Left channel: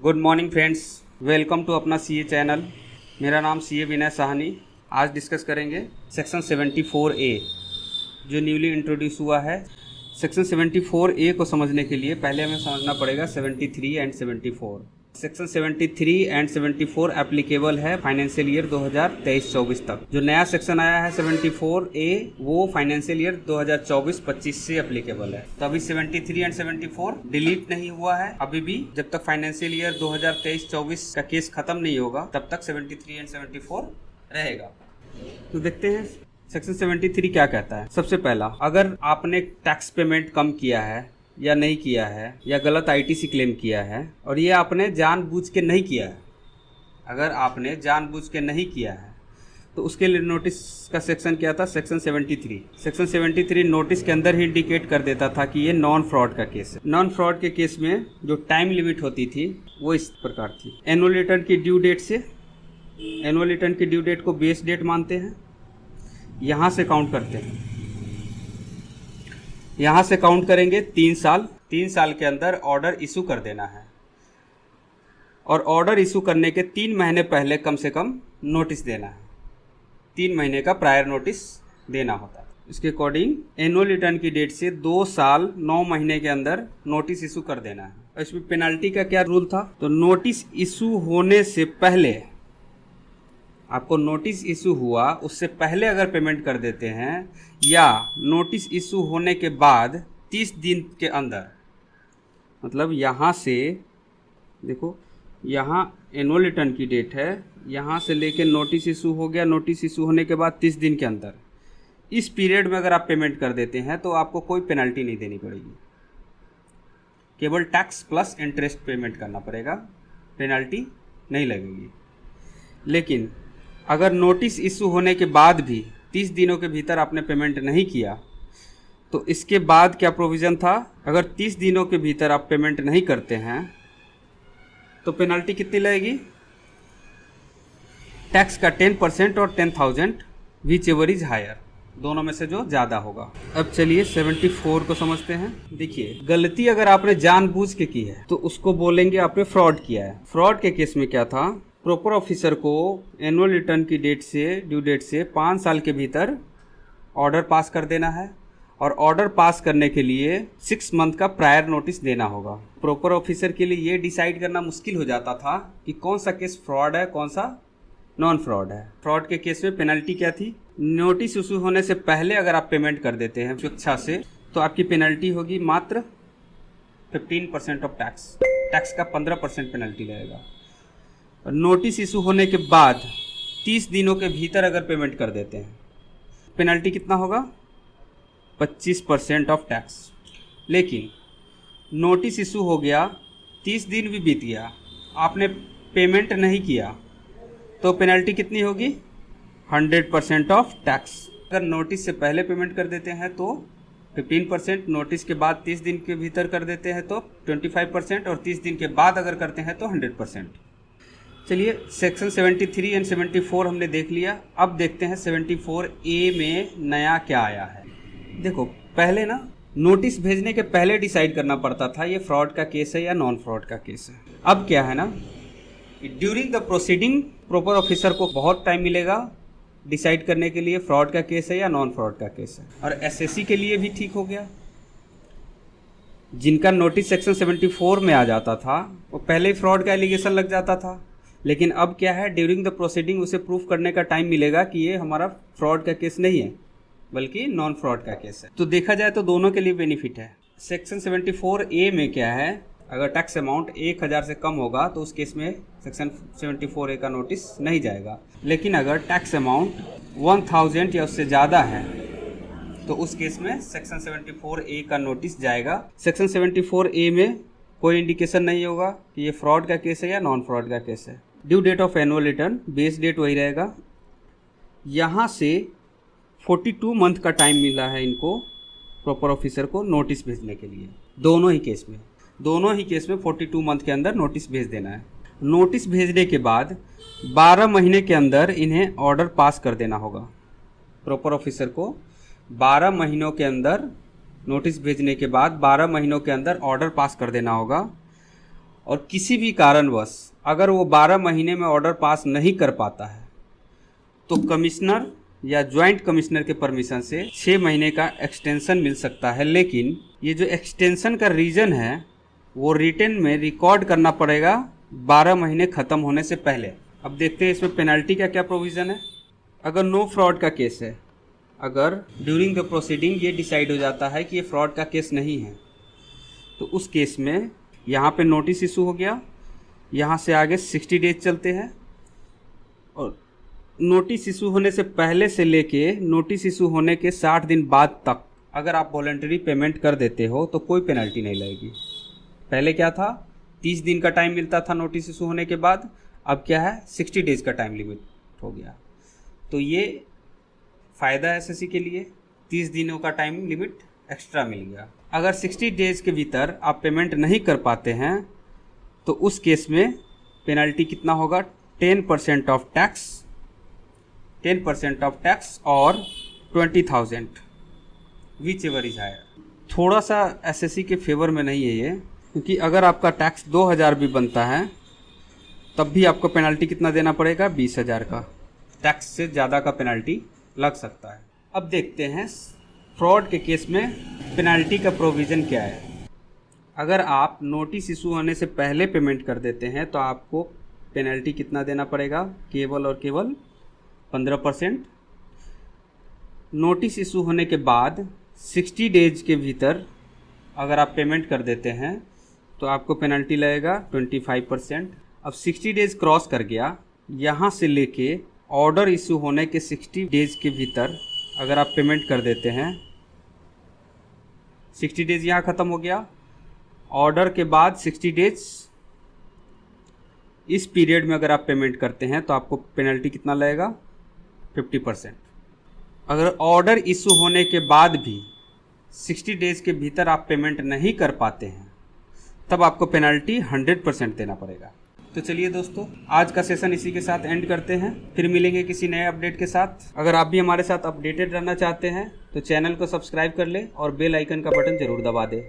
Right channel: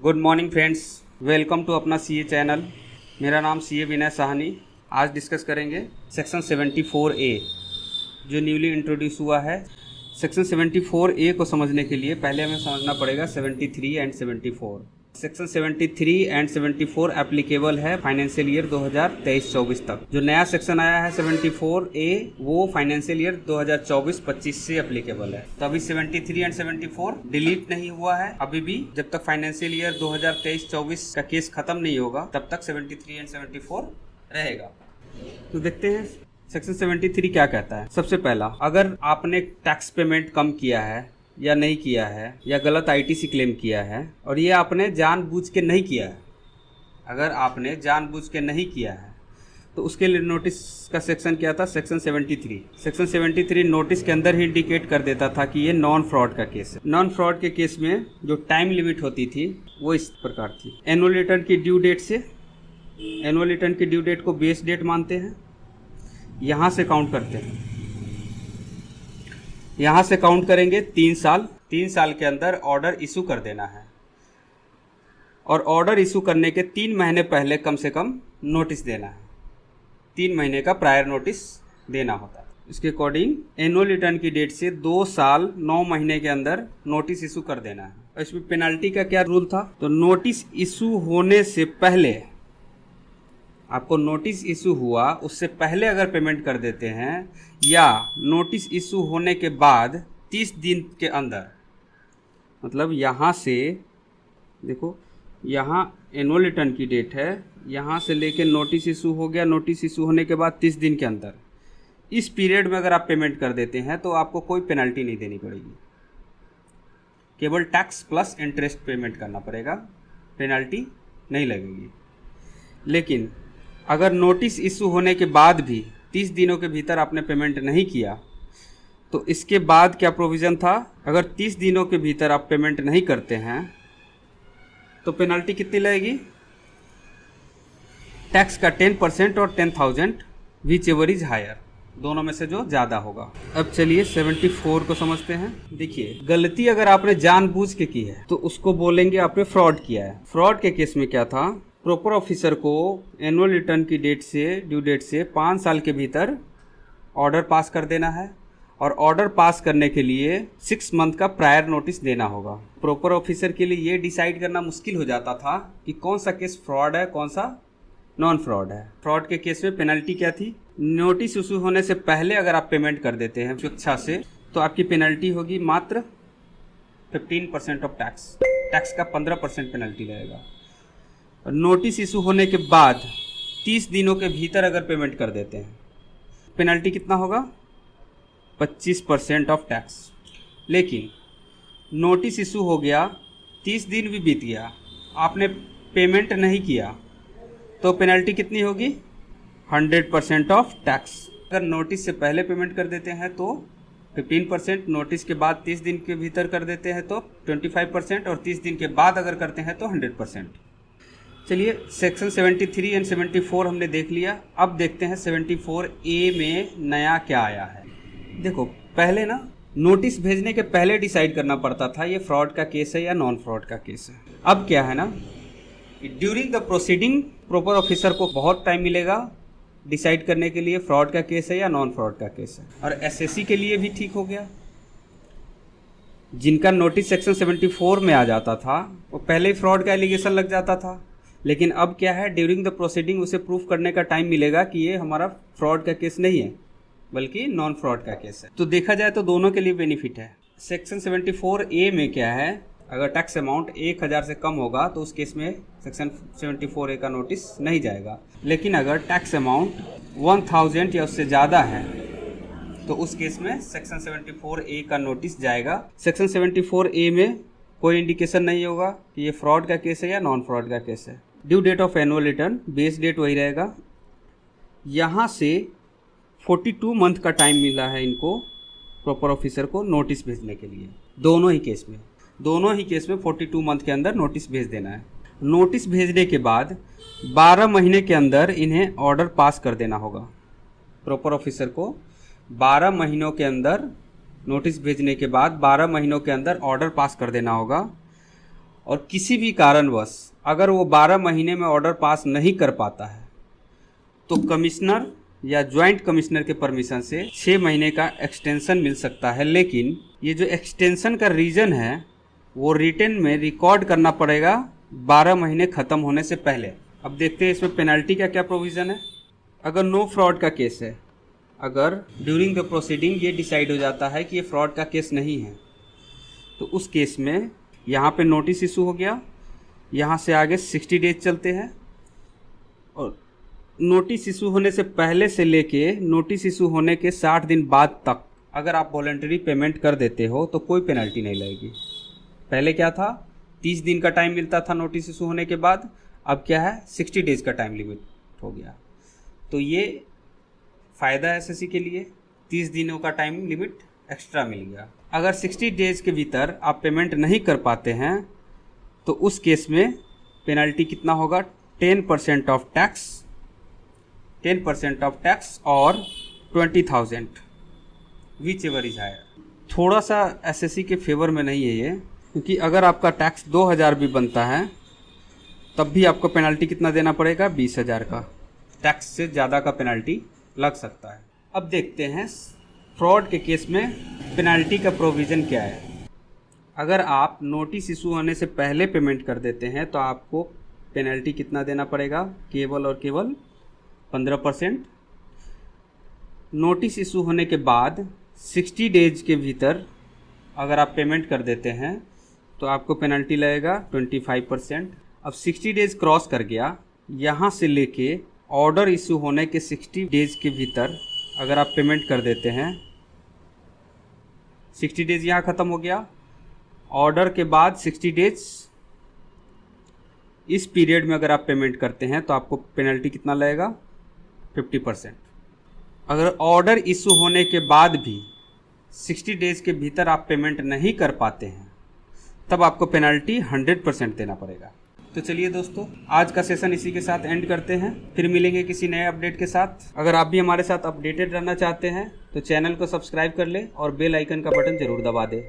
Good morning friends, welcome to अपना CA channel. मेरा नाम सीए विनय साहनी। आज डिस्कस करेंगे सेक्शन 74A जो न्यूली इंट्रोड्यूस हुआ है। सेक्शन 74A को समझने के लिए पहले हमें समझना पड़ेगा 73 एंड 74। सेक्शन 73 एंड 74 एप्लीकेबल है फाइनेंशियल ईयर 2023-24 तक। जो नया सेक्शन आया है 74A वो फाइनेंशियल ईयर 2024-25 से एप्लीकेबल है। तो अभी 73 एंड 74 डिलीट नहीं हुआ है अभी भी। जब तक फाइनेंशियल ईयर 2023-24 का केस खत्म नहीं होगा तब तक 73 एंड 74 रहेगा। तो देखते हैं सेक्शन 73 क्या कहता है। सबसे पहला, अगर आपने टैक्स पेमेंट कम किया है या नहीं किया है या गलत आईटीसी क्लेम किया है और ये आपने जानबूझ के नहीं किया है, अगर आपने जानबूझ के नहीं किया है तो उसके लिए नोटिस का सेक्शन क्या था, सेक्शन 73। सेक्शन 73 नोटिस के अंदर ही इंडिकेट कर देता था कि ये नॉन फ्रॉड का केस है। नॉन फ्रॉड के केस में जो टाइम लिमिट होती थी वो इस प्रकार थी। एनुअल रिटर्न की ड्यू डेट से, एनुअल रिटर्न की ड्यू डेट को बेस डेट मानते हैं, यहाँ से काउंट करते हैं। यहाँ से काउंट करेंगे 3 साल। 3 साल के अंदर ऑर्डर इशू कर देना है और ऑर्डर इशू करने के 3 महीने पहले कम से कम नोटिस देना है। 3 महीने का प्रायर नोटिस देना होता है। इसके अकॉर्डिंग एनुअल रिटर्न की डेट से 2 साल 9 महीने के अंदर नोटिस इशू कर देना है। और इसमें पेनल्टी का क्या रूल था, तो नोटिस इशू होने से पहले, आपको नोटिस इशू हुआ उससे पहले अगर पेमेंट कर देते हैं या नोटिस इशू होने के बाद 30 दिन के अंदर, मतलब यहाँ से देखो, यहाँ एनुअल रिटर्न की डेट है, यहाँ से लेके नोटिस इशू हो गया, नोटिस इशू होने के बाद 30 दिन के अंदर, इस पीरियड में अगर आप पेमेंट कर देते हैं तो आपको कोई पेनल्टी नहीं देनी पड़ेगी, केवल टैक्स प्लस इंटरेस्ट पेमेंट करना पड़ेगा, पेनल्टी नहीं लगेगी। लेकिन अगर नोटिस इशू होने के बाद भी 30 दिनों के भीतर आपने पेमेंट नहीं किया तो इसके बाद क्या प्रोविज़न था, अगर 30 दिनों के भीतर आप पेमेंट नहीं करते हैं तो पेनल्टी कितनी लगेगी, टैक्स का 10% और 10,000 विच एवर इज हायर, दोनों में से जो ज़्यादा होगा। अब चलिए 74 को समझते हैं। देखिए, गलती अगर आपने जानबूझ के की है तो उसको बोलेंगे आपने फ्रॉड किया है। फ्रॉड के केस में क्या था, प्रॉपर ऑफिसर को एनुअल रिटर्न की डेट से, ड्यू डेट से 5 साल के भीतर ऑर्डर पास कर देना है और ऑर्डर पास करने के लिए 6 मंथ का प्रायर नोटिस देना होगा। प्रॉपर ऑफिसर के लिए ये डिसाइड करना मुश्किल हो जाता था कि कौन सा केस फ्रॉड है, कौन सा नॉन फ्रॉड है। फ्रॉड के केस में पेनल्टी क्या थी, नोटिस इशू होने से पहले अगर आप पेमेंट कर देते हैं अच्छा से तो आपकी पेनल्टी होगी मात्र 15% ऑफ टैक्स, टैक्स का 15% पेनल्टी लगेगा। नोटिस इशू होने के बाद 30 दिनों के भीतर अगर पेमेंट कर देते हैं पेनल्टी कितना होगा, 25% ऑफ टैक्स। लेकिन नोटिस इशू हो गया, 30 दिन भी बीत गया, आपने पेमेंट नहीं किया तो पेनल्टी कितनी होगी, 100% ऑफ टैक्स। अगर नोटिस से पहले पेमेंट कर देते हैं तो 15%, नोटिस के बाद 30 दिन के भीतर कर देते हैं तो 25% और 30 दिन के बाद अगर करते हैं तो 100%। चलिए, सेक्शन 73 एंड 74 हमने देख लिया। अब देखते हैं 74A में नया क्या आया है। देखो, पहले ना नोटिस भेजने के पहले डिसाइड करना पड़ता था ये फ्रॉड का केस है या नॉन फ्रॉड का केस है। अब क्या है ना, during the proceeding proper officer को बहुत टाइम मिलेगा डिसाइड करने के लिए फ्रॉड का केस है या नॉन फ्रॉड का केस है। और एसएससी के लिए भी ठीक हो गया, जिनका नोटिस सेक्शन 74 में आ जाता था वो पहले ही फ्रॉड का एलिगेशन लग जाता था। लेकिन अब क्या है, ड्यूरिंग द प्रोसीडिंग उसे प्रूफ करने का टाइम मिलेगा कि ये हमारा फ्रॉड का केस नहीं है बल्कि नॉन फ्रॉड का केस है। तो देखा जाए तो दोनों के लिए बेनिफिट है। सेक्शन 74A में क्या है, अगर टैक्स अमाउंट 1000 से कम होगा तो उस केस में सेक्शन 74A का नोटिस नहीं जाएगा। लेकिन अगर टैक्स अमाउंट 1000 या उससे ज़्यादा है तो उस केस में सेक्शन 74A का नोटिस जाएगा। सेक्शन 74A में कोई इंडिकेशन नहीं होगा कि ये फ्रॉड का केस है या नॉन फ्रॉड का केस है। Due date of annual return, base date वही रहेगा। यहाँ से 42 मंथ का टाइम मिला है इनको, प्रॉपर ऑफिसर को नोटिस भेजने के लिए। दोनों ही केस में 42 मंथ के अंदर नोटिस भेज देना है। नोटिस भेजने के बाद 12 महीने के अंदर इन्हें ऑर्डर पास कर देना होगा। प्रॉपर ऑफिसर को 12 महीनों के अंदर, नोटिस भेजने के बाद 12 महीनों के अंदर ऑर्डर पास कर देना होगा। और किसी भी कारणवश अगर वो 12 महीने में ऑर्डर पास नहीं कर पाता है तो कमिश्नर या ज्वाइंट कमिश्नर के परमिशन से 6 महीने का एक्सटेंशन मिल सकता है। लेकिन ये जो एक्सटेंशन का रीज़न है वो रिटन में रिकॉर्ड करना पड़ेगा 12 महीने ख़त्म होने से पहले। अब देखते हैं इसमें पेनल्टी का क्या प्रोविज़न है। अगर नो फ्रॉड का केस है, अगर ड्यूरिंग द प्रोसीडिंग ये डिसाइड हो जाता है कि ये फ्रॉड का केस नहीं है, तो उस केस में यहाँ पे नोटिस इशू हो गया, यहाँ से आगे 60 डेज चलते हैं और नोटिस इशू होने से पहले से लेके नोटिस इशू होने के 60 दिन बाद तक अगर आप वॉलंटरी पेमेंट कर देते हो तो कोई पेनल्टी नहीं लगेगी। पहले क्या था, 30 दिन का टाइम मिलता था नोटिस इशू होने के बाद, अब क्या है 60 डेज का टाइम लिमिट हो गया। तो ये फ़ायदा है एसएससी के लिए, 30 दिनों का टाइम लिमिट एक्स्ट्रा मिल गया। अगर 60 डेज के भीतर आप पेमेंट नहीं कर पाते हैं तो उस केस में पेनल्टी कितना होगा, 10% ऑफ टैक्स, 10% ऑफ टैक्स और 20,000 विच एवर इज हायर। थोड़ा सा एसएससी के फेवर में नहीं है ये, क्योंकि अगर आपका टैक्स 2,000 भी बनता है तब भी आपको पेनल्टी कितना देना पड़ेगा, 20,000 का। टैक्स से ज़्यादा का पेनल्टी लग सकता है। अब देखते हैं फ्रॉड के केस में पेनल्टी का प्रोविज़न क्या है। अगर आप नोटिस इशू होने से पहले पेमेंट कर देते हैं तो आपको पेनल्टी कितना देना पड़ेगा, केवल और केवल 15%। नोटिस इशू होने के बाद 60 डेज के भीतर अगर आप पेमेंट कर देते हैं तो आपको पेनल्टी लगेगा 25%। अब 60 डेज क्रॉस कर गया, यहाँ से लेके ऑर्डर इशू होने के 60 डेज के भीतर अगर आप पेमेंट कर देते हैं, 60 डेज यहाँ ख़त्म हो गया, ऑर्डर के बाद 60 डेज, इस पीरियड में अगर आप पेमेंट करते हैं तो आपको पेनल्टी कितना लगेगा, 50%। अगर ऑर्डर इशू होने के बाद भी 60 डेज के भीतर आप पेमेंट नहीं कर पाते हैं तब आपको पेनल्टी 100% देना पड़ेगा। तो चलिए दोस्तों, आज का सेशन इसी के साथ एंड करते हैं, फिर मिलेंगे किसी नए अपडेट के साथ। अगर आप भी हमारे साथ अपडेटेड रहना चाहते हैं तो चैनल को सब्सक्राइब कर लें और बेल आइकन का बटन ज़रूर दबा दें।